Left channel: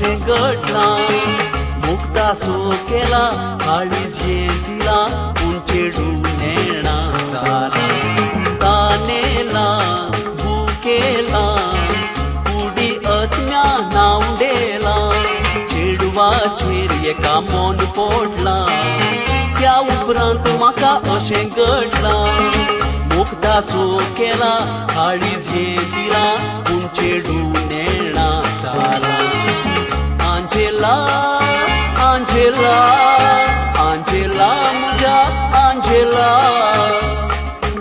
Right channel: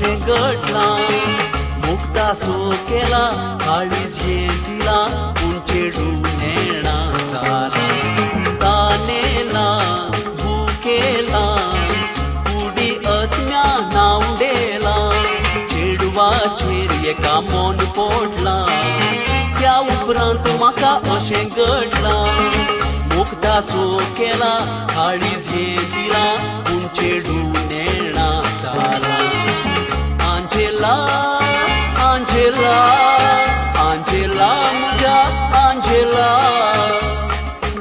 अशें घडलां मुक्ता सो केला काळी झेंतिला उंचेडू नेणा साला तानेला बुकेला कुडी अज्ञा नावडेला चेडवाचेर एका मन पडला त्या उपरांत म्हाका अशें घडलां मुक्ता सो केला काळी झेंतिला उंचेडू नेणा साला आंजेला आंजेला आंजेला मुझ्या आंजेला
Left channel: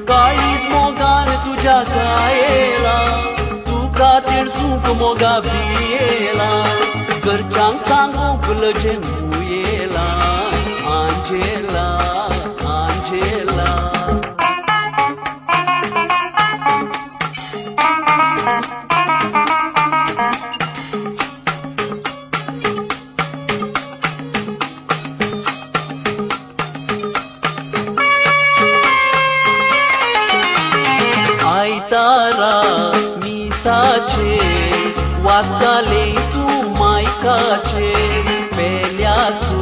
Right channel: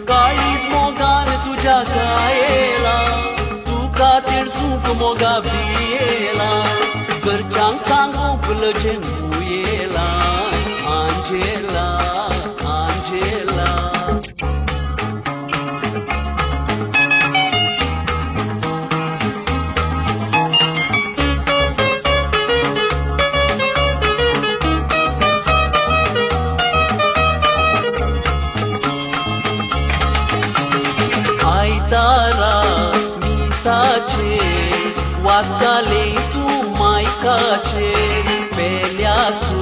काळीज मोगान तुझ्या कायेला तुका तिडसूक मोगा भियेला घरच्यांक सांगूक लजन येला आंजेला आंजेला आयतारा मिसाचे वाचताले तू मायकाचे पेल्यासो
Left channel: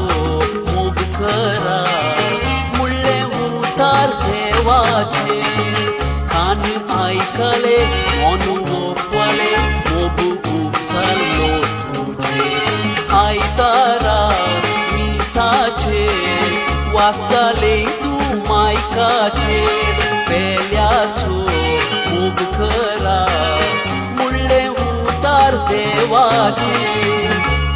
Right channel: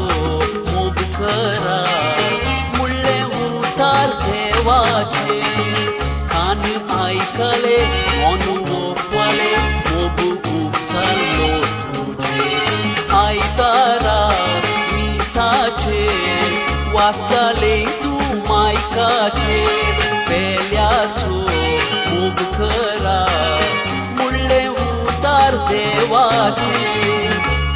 मोग करा मुळ्ळे उतार देवाचे कान आयकले मन ओपले मोग उपसालो तुझे आयतारा मिसाचे वाचताले तू मायकाचे पेल्यासो मोग करा मुळ्ळे उतार देवाचे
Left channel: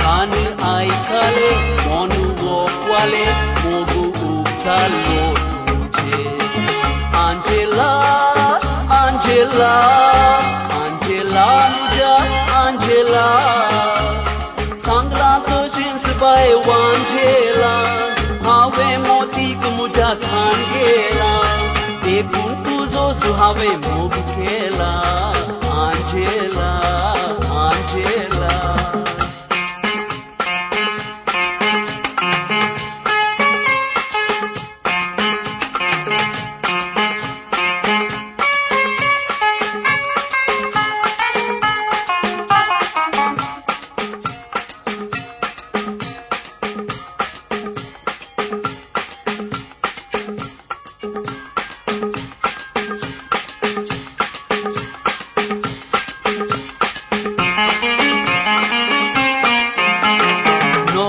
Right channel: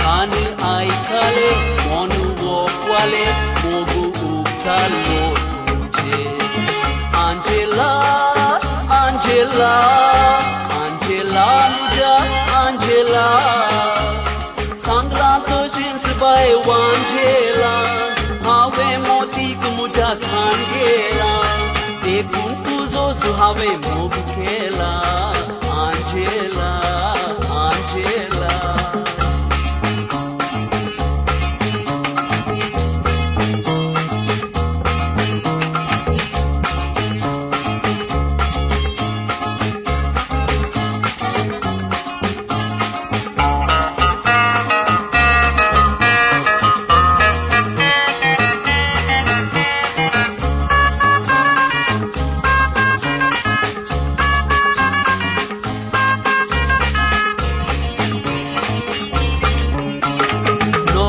कान आयकले मन ओपले मोग उपसालो तुझे आंजेला आंजेला आंजेला मुझ्या आंजेला सांगला तशीच बाय वांजेला हांवें मोतीक मुझ्या खांगेला देखून तुजो सुहावे मोग केला आंजेला आंजेला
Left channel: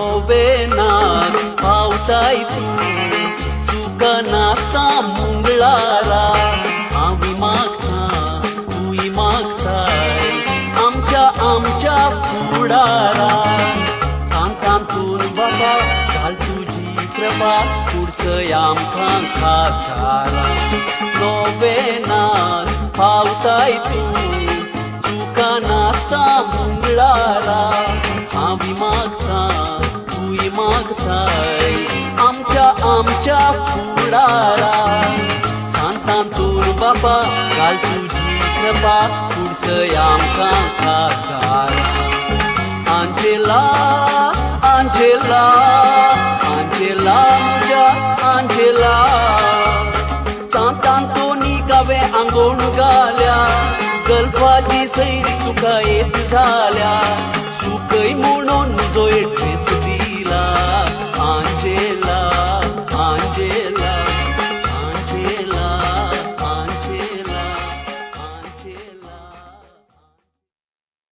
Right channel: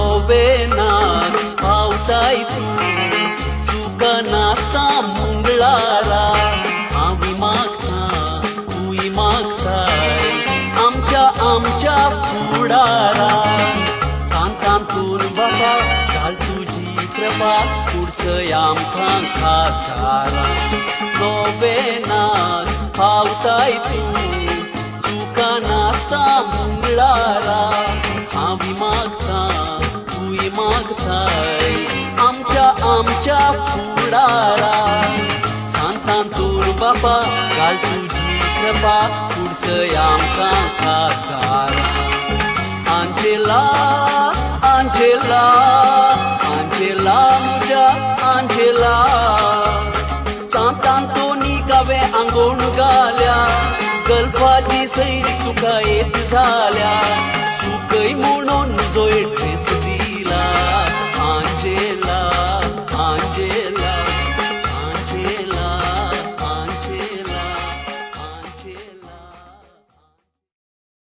नोवेनार पावताय तू सुका नासता मुंगळारा हांवी मागता तुय मागताय आमच्या फुडारा सांगतान तूर बाबा घाल तुजी कृपा पुरसय आमकां खासारा नोवेनार पावताय तू सुका नासता मुंगळारा हांवी मागता तुय मागताय आमच्या फुडारा सांगतान तूर बाबा घाल तुजी कृपा पुरसय आमकां खासारा आंजेला आंजेला आंजेला मुझ्या आंजेला सांगतान तो निकावे आंगोण घाल्या गल्फाची सैरी तुका एक जाल्या सुकय म्हणून जोय